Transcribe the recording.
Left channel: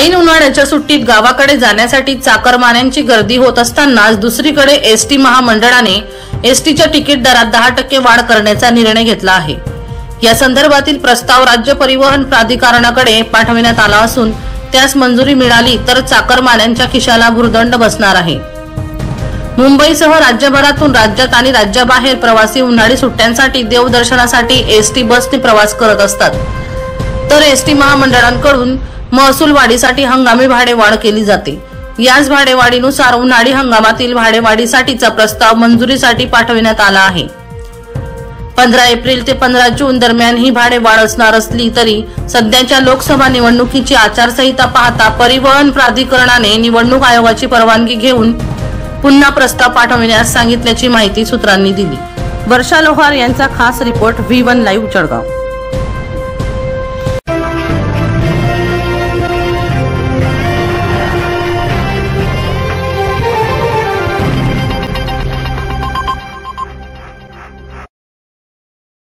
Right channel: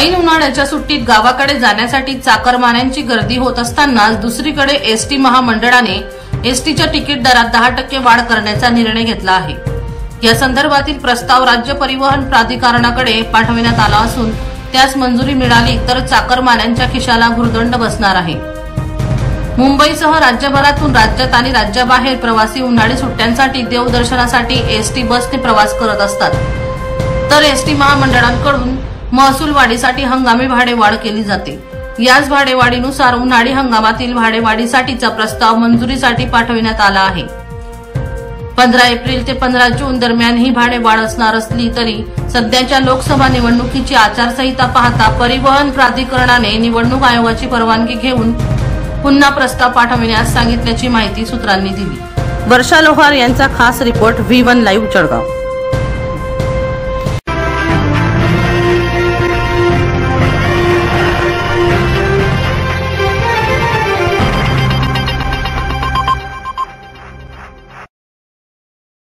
ऐन उन्हाळ्याच्या सुट्टीत गावाकडे जाण्यासाठी चाकरमान्यांची गर्दी होत असतानाच दुसरीकडे एसटी महामंडळाने एसटीच्या तिकीट दरात 10% वाढ करण्याचा निर्णय घेतला आहे। या संदर्भातील प्रस्ताव राज्य परिवहन प्राधिकरणाकडे पाठविण्यात आला असून त्यास मंजुरी मिळाली तर चाकरमान्यांच्या खिशाला भुर्दंड बसणार आहे। मुंबईसह राज्यभरातून राज्यात आणि राज्याबाहेर प्रवासी उन्हाळी सुट्ट्यांसाठी देवदर्शनासाठी एसटी बसने प्रवास करत असतात, तर एसटी महामंडळांकडून महसूल वाढीसाठी हंगामी भाडेवाढ केली जाते। याच भाडेवाढीनुसार उन्हाळी हंगामातील भाडेवाढीसाठीचा प्रस्ताव मंजुरीसाठी पाठविण्यात आला आहे। 15 एप्रिल ते 15 जून दरम्यान ही भाडेवाढ असणार असली तरी सध्याच्या लोकसभा निवडणुकीची आचारसंहिता पाहता परिवहन प्राधिकरणाने निवडणूक आयोगाची परवानगी घेऊन पुन्हा प्रस्ताव पाठविण्यास सांगितल्याची माहिती सूत्रांनी दिली। वर्षा लोहार यांचा खास रिपोर्ट V1 लाईव्ह जळगाव।